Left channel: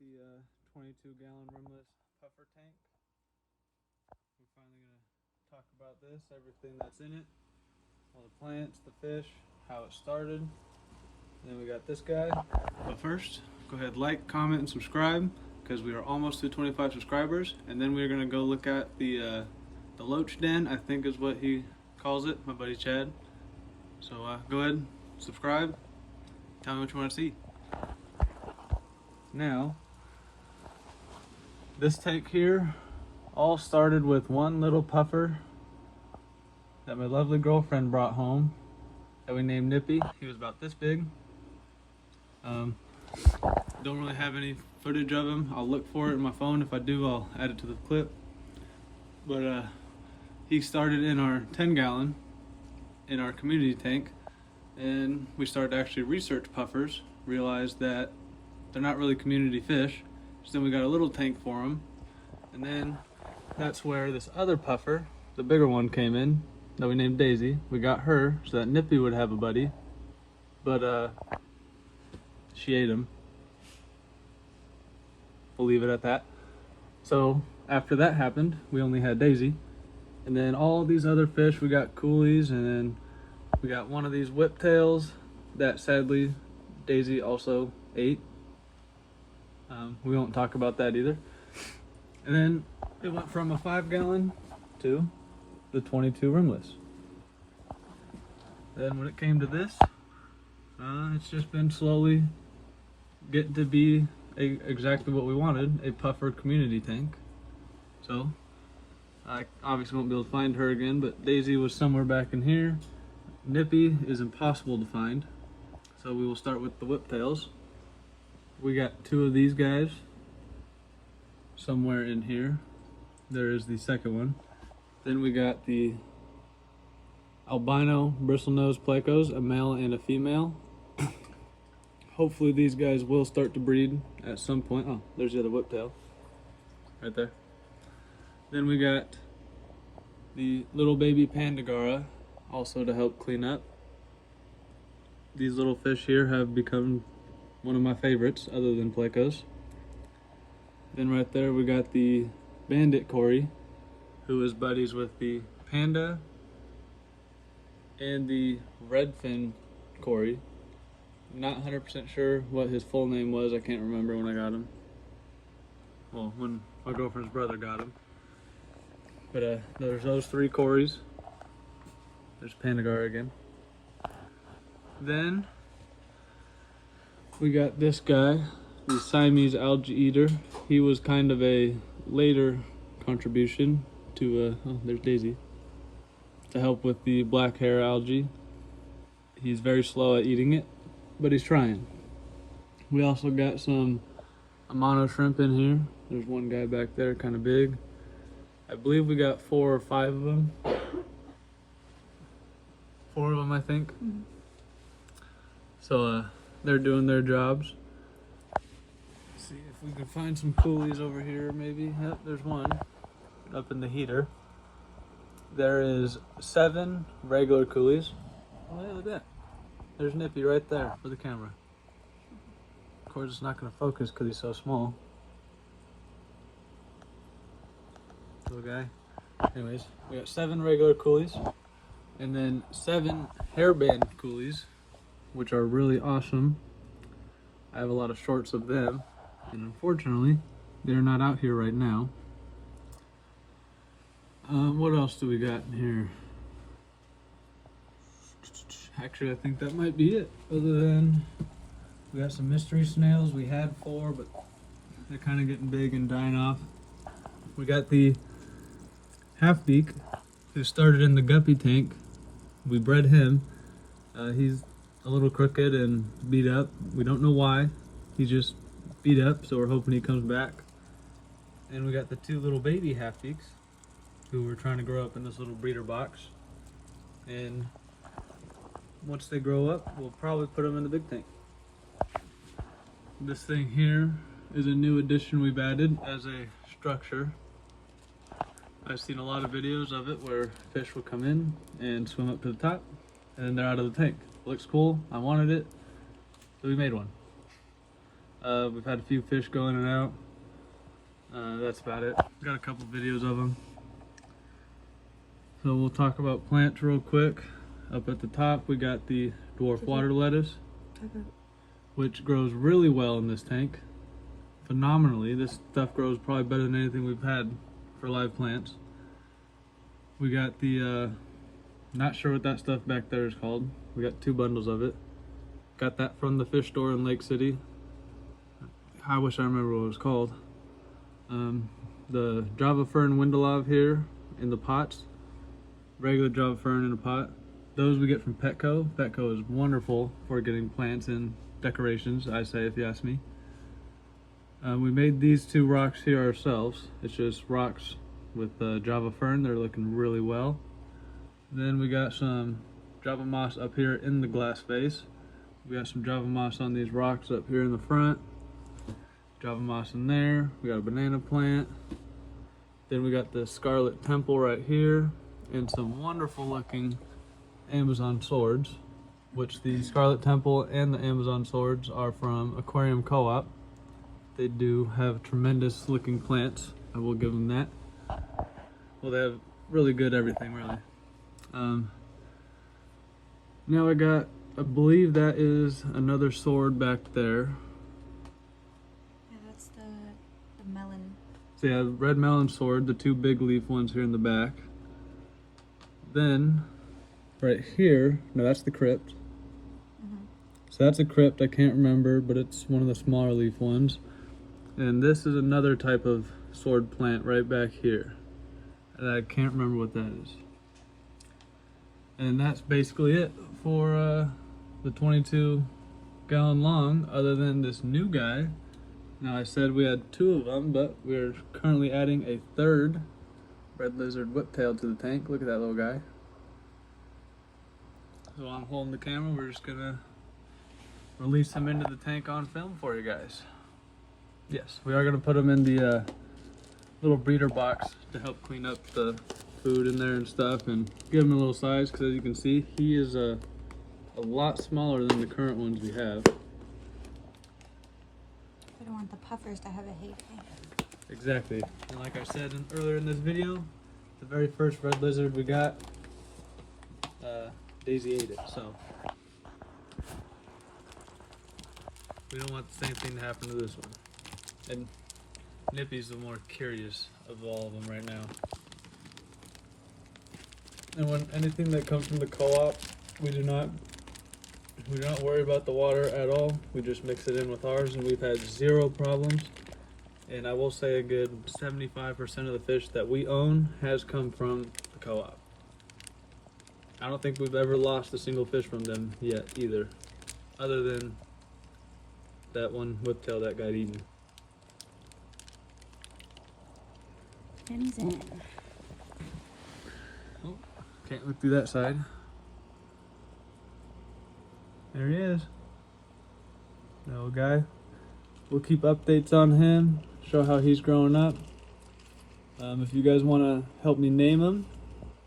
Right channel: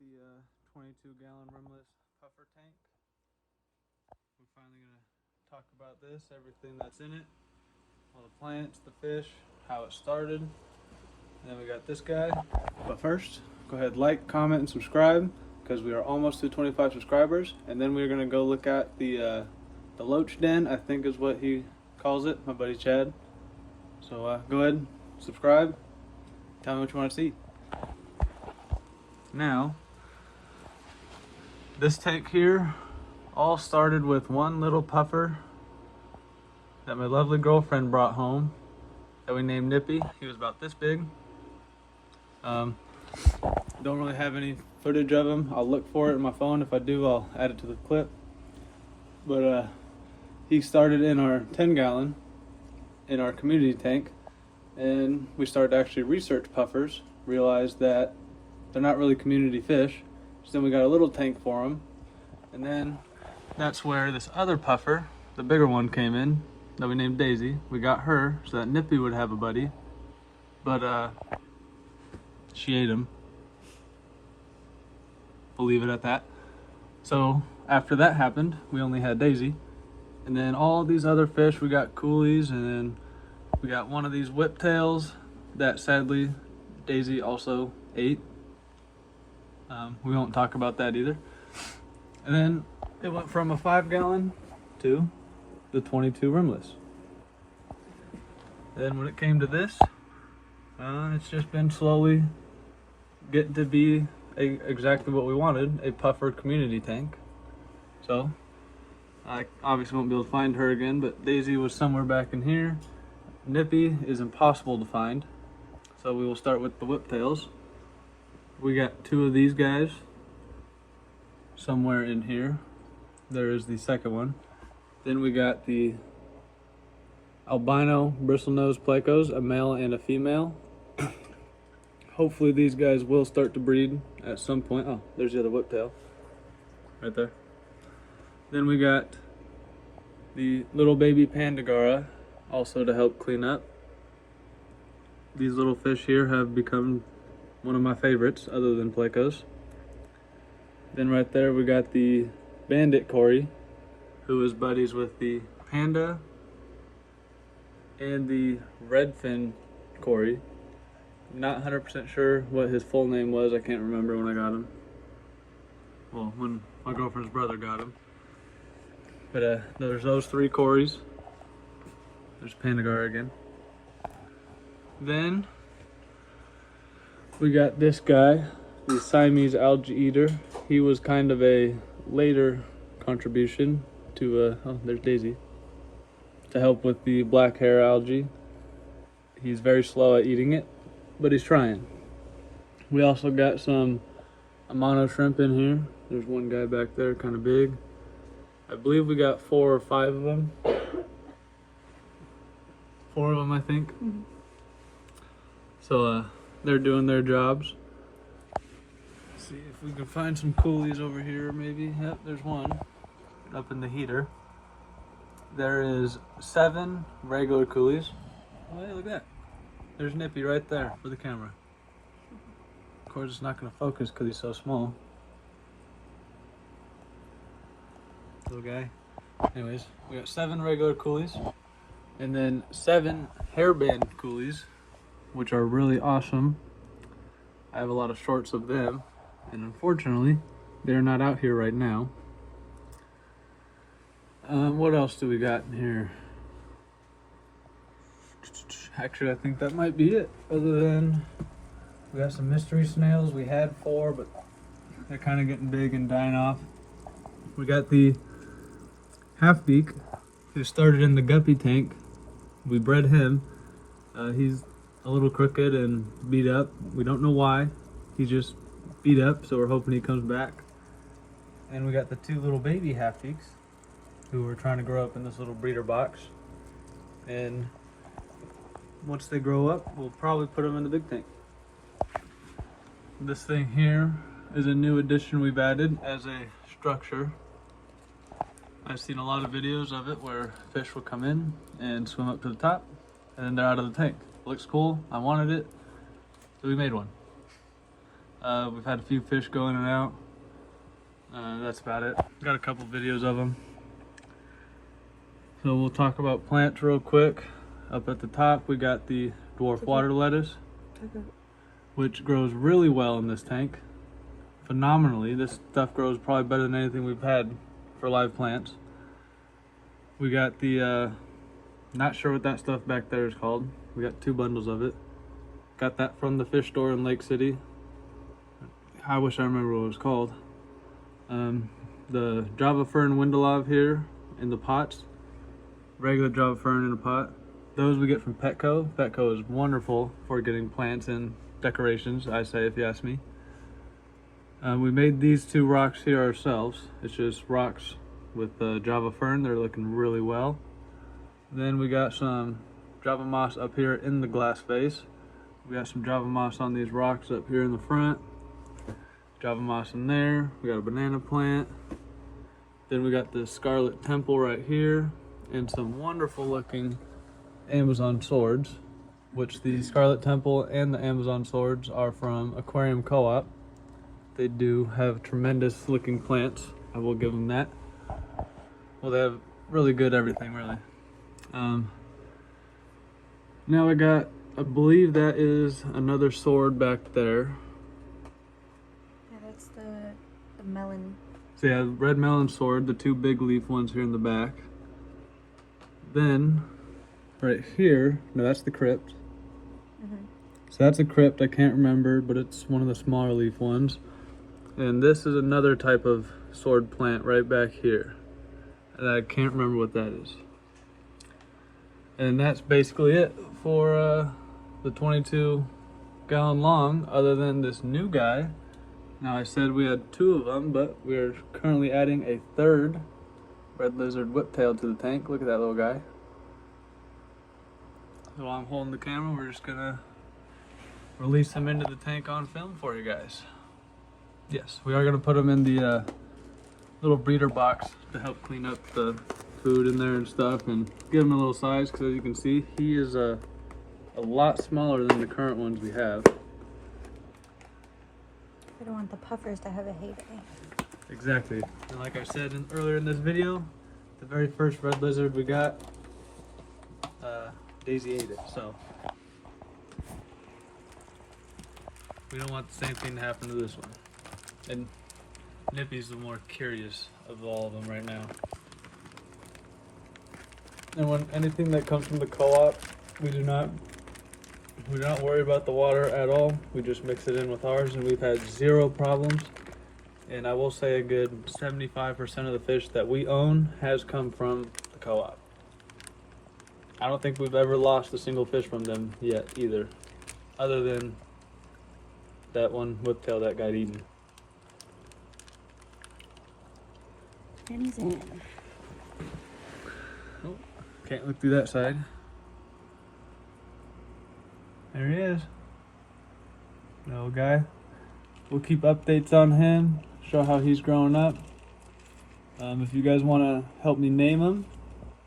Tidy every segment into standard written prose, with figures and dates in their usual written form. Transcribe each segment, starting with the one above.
the 22-gallon rimless puffer tank. We're finally going to talk about this, everything that's in it, all the plants, the fish, how it started. And then we got this guy. But first, go ahead, like, comment, and subscribe, because we are almost to 25 subscribers. And then we're going to go look at the loach den, I think is what he calls it, my buddy Chad. So go ahead, subscribe, tell me what you want to see. Now, this tank here all started with one little puffer that my lovely girlfriend brought home that we named Nippy. He was about this big. Don't really have any footage of him. I'll look for it in my phone. If I do, I'll add it to the clip. But he started in our 10-gallon in our community tank, and we started to actually research puffers, realized that they're not really community fish. So then we got a little tank for them, and then that's where this other puffer, the bigger one, came in that we named Daisy. We got her so that Nippy would have a buddy, but she ate him. We'll leave it at that. So after that happened, we only had Daisy, and then all these other fish, we got coolies, and then we got one of these whiptails that sadly Daisy also ate. We won't talk about that either. And then it went from a 5-gallon to the 22 rimless. Then when it came to this, it's just been slowly getting to be exactly what we wanted, a puffer community tank. So I obviously won't be able to find her again, but Daisy was somewhere back in here. Nippy is impossible to find, so we will start with the whiptails. We got two of these guys somewhere in here. There is the second one. Then we got the albino bristlenose plecos, a male and a female. Hopefully these guys will start to breed at some point. Oh, there's the other whiptail right there. Then we got the little baby pandagara, also to help clean up. These little fish here have become one of my favorites other than plecos. Then right there we got the bandit Cory, who is buddies with the panda and the redfin Cory. Not 100% sure what his full name was. I can't remember when I got him. Well, when my girlfriend's brother got him. But there's those three Corys. There's Pandagara again. Then we got this guy, the Siamese algae eater. He was kind of a later contribution to, oh, there's Daisy, to help with the black hair algae. He's very slow at eating it, but he's trying. We also got some Amano Shrimp in here. There's one guy back there, kind of big. I believe we got 4 or 5 of them. 4 of them, I think. Mm-hmm. So they're doing their jobs. Let's see if we can find some coolies over here, maybe. Yep, there's one up in the heater. There is 7 regular coolies. Oh, hey, look at that. There's Nippy right there for the camera. Of course, it's not going to focus because he's so small. Little guy. Anyways, we got 7 regular coolies, and then 7 hairband coolies, which are really awesome. I have a lot of shorts of them, and unfortunately, they're not out here right now. What else do we got in here? Actually, I think that might be it. Other than we got some mystery snails. We had 4, but they're kind of getting big and dying off. We got the half-beak, who started in the guppy tank. We bred him. He's a little crooked and beat up. We don't know why. He's just beat up, so we're hoping he comes back. And we got the 2 little baby half-beaks, who we're trying to grow up in this little breeder box. And once they grow up, we'll probably put them in the big tank. This thing here is a new addition we've added as a structure. I've seen a lot of videos of it where fish will come in and swim up to the top, and then they're out of the tank. Looks cool. I wanted it, so we made one. We've had a few fish go in and out. That's about it. Got a couple videos of them. So we'll talk about plants real quick. Up at the top, we got the dwarf water lettuce, which grows really well in this tank. Phenomenally. This stuff grows probably better than anything we've had for live plants. We got the, not sure what that stuff back there is called. We got 2 bundles of it. Got that from the fish store in Lake City. I wish I remember what it was called. The Java Fern Windelov here in the pots. Regular Java Fern in a pot. Those we get from Petco. Petco is wonderful for getting plants and decorations, I say, if you ask me. We made these 2 rocks here ourselves. It's just rocks with Java Fern. They're looking really well. Then we got some Java moss up here in the glass vase. We got some Java moss on these rocks up here in the front. Java moss in there. We got a banana plant. Then we got the Scarlet Temple right here, and some wonderful looking Amazon swords, which the Scarlet Temple and the Amazon swords are from Aquarium Co-op. They do have tremendous looking plants. I will give them that. Well, they have really good everything, really. Now I believe that is another sword back there. Yeah, that's the melon. So yeah, red melon sword, the 2 big leaf ones here in the back. Then, right here, no, that's the crypt. So that's a crypt, I can't remember, but it's one of the smaller leaf ones. And this is another type of sword plant right back here. And I can't remember what that is. And that's basically it for the 22 gallon long, other than this new guy. Now I said we had 2 of them, but we're currently adding a 3rd red lizard whiptail to the tank. Look at that little guy. So while I'm holding the camera, we're just gonna release him into the tank on film for you guys. Yes, we are gonna put him in the little breeder box to help clean up the food in there and stuff, and give him a little size, because as you can see, he is a lot smaller than the current ones we have. I don't want the puffers to have a heyday. Exactly. And like I said earlier in this video, the very first red lizard we got, Daisy ate it, so we don't want the same thing to happen to this one. And Nippy's the more curious of all of them right now. And when anything that comes from the co-op, we do not worry about the water at all. We just mix it in with ours, and we've had 0 problems. And I will say a good 75% of the fish that we own has come from the co-op. I don't think we've ever lost a single fish from them yet either, other than that one whiptail that got eaten. And he's in it. Oh, can't look through that side. There he is. Little guy. We'll keep updates on him, show how he's growing up. If you guys want to help me name him,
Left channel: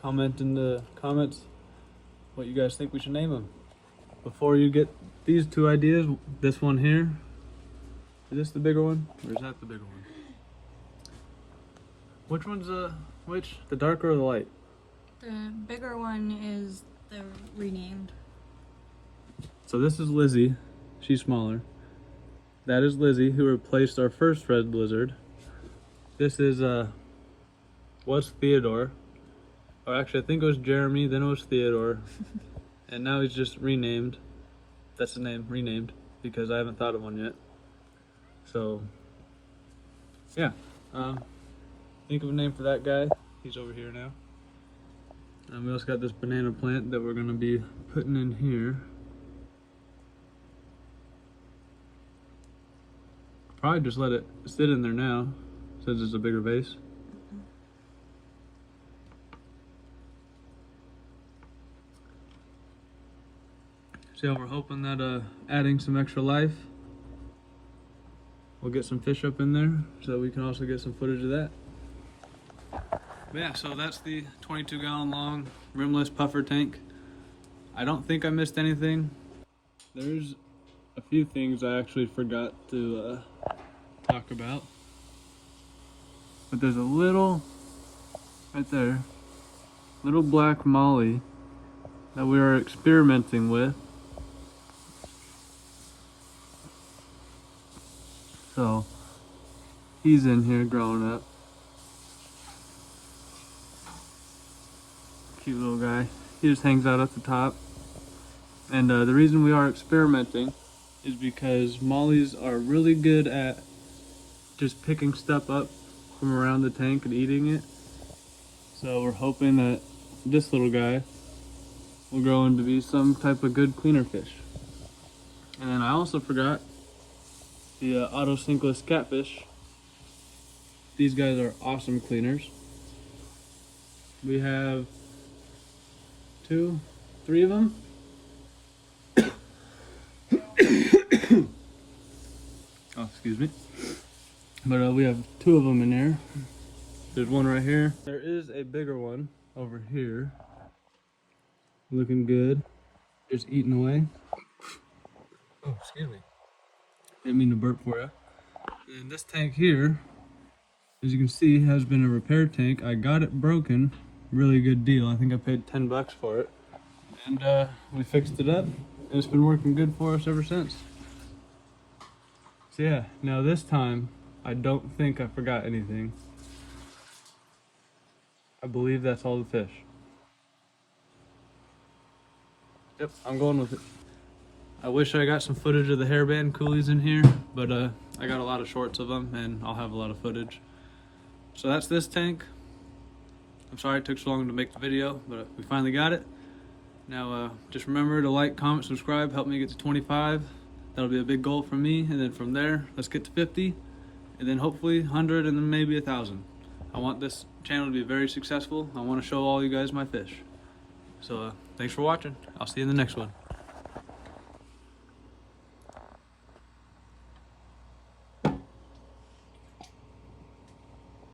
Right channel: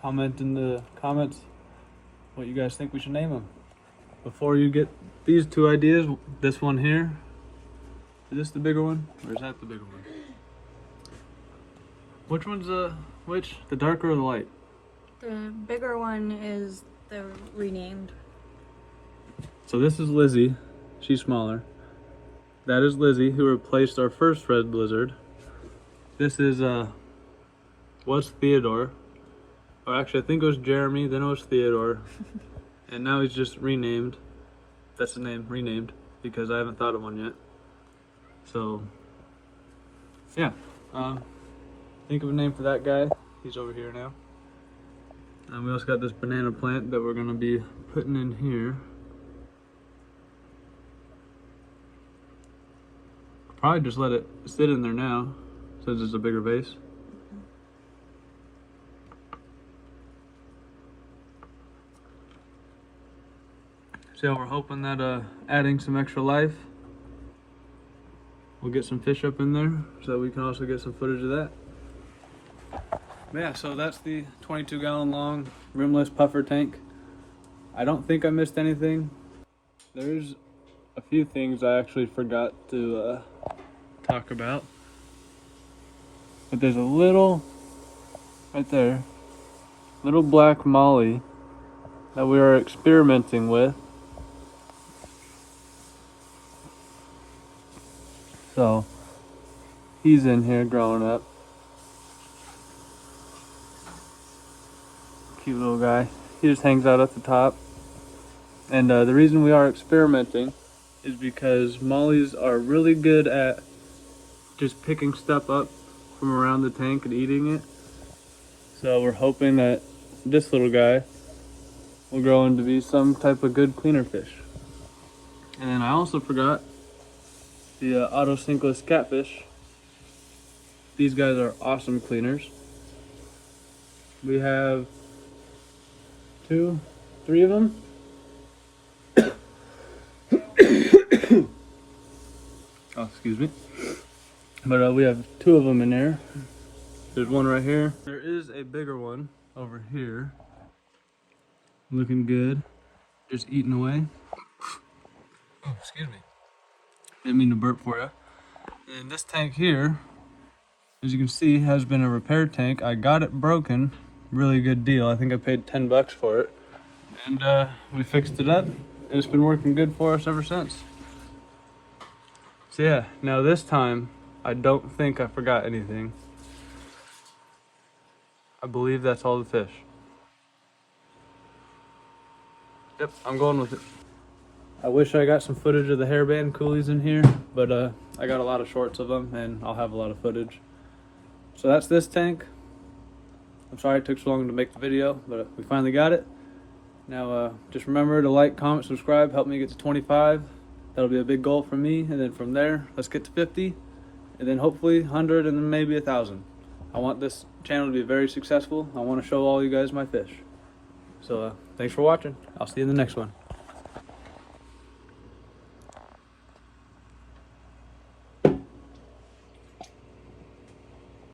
comment in the comments what you guys think we should name him. Before you get these 2 ideas, this one here, is this the bigger one, or is that the bigger one? Which one's which? The darker or the light? The bigger one is the renamed. So this is Lizzie. She's smaller. That is Lizzie, who replaced our first red lizard. This is was Theodore. Or actually, I think it was Jeremy, then it was Theodore. And now he's just renamed. That's the name, renamed, because I haven't thought of one yet. So, yeah. Think of a name for that guy. He's over here now. And we also got this banana plant that we're going to be putting in here. Probably just let it sit in there now, since it's a bigger vase. So we're hoping that adding some extra life, we'll get some fish up in there, so we can also get some footage of that. Yeah, so that's the 22 gallon long rimless puffer tank. I don't think I missed anything. There's a few things I actually forgot to talk about. But there's a little, right there, little black molly that we are experimenting with. So, he's in here growing up. Cute little guy. He just hangs out at the top. And the reason we are experimenting is because mollies are really good at just picking stuff up from around the tank and eating it. So we're hoping that this little guy will grow into be some type of good cleaner fish. And I also forgot the Sinkless Catfish. These guys are awesome cleaners. We have 2, 3 of them. Oh, excuse me. But we have 2 of them in there. There's one right here. There is a bigger one over here. Looking good. Just eating away. Oh, excuse me. Didn't mean to burp for you. And this tank here, as you can see, has been a repair tank. I got it broken. Really good deal. I think I paid 10 bucks for it. And we fixed it up. And it's been working good for us ever since. So yeah, now this time, I don't think I forgot anything. I believe that's all the fish. Yep, I'm going with it. I wish I got some footage of the hairband coolies in here, but I got a lot of shorts of them and I'll have a lot of footage. So that's this tank. I'm sorry it took so long to make the video, but we finally got it. Now just remember to like, comment, subscribe, help me get to 25. That'll be a big goal for me, and then from there, let's get to 50, and then hopefully 100, and then maybe 1,000. I want this channel to be very successful. I want to show all you guys my fish. So thanks for watching. I'll see you in the next one.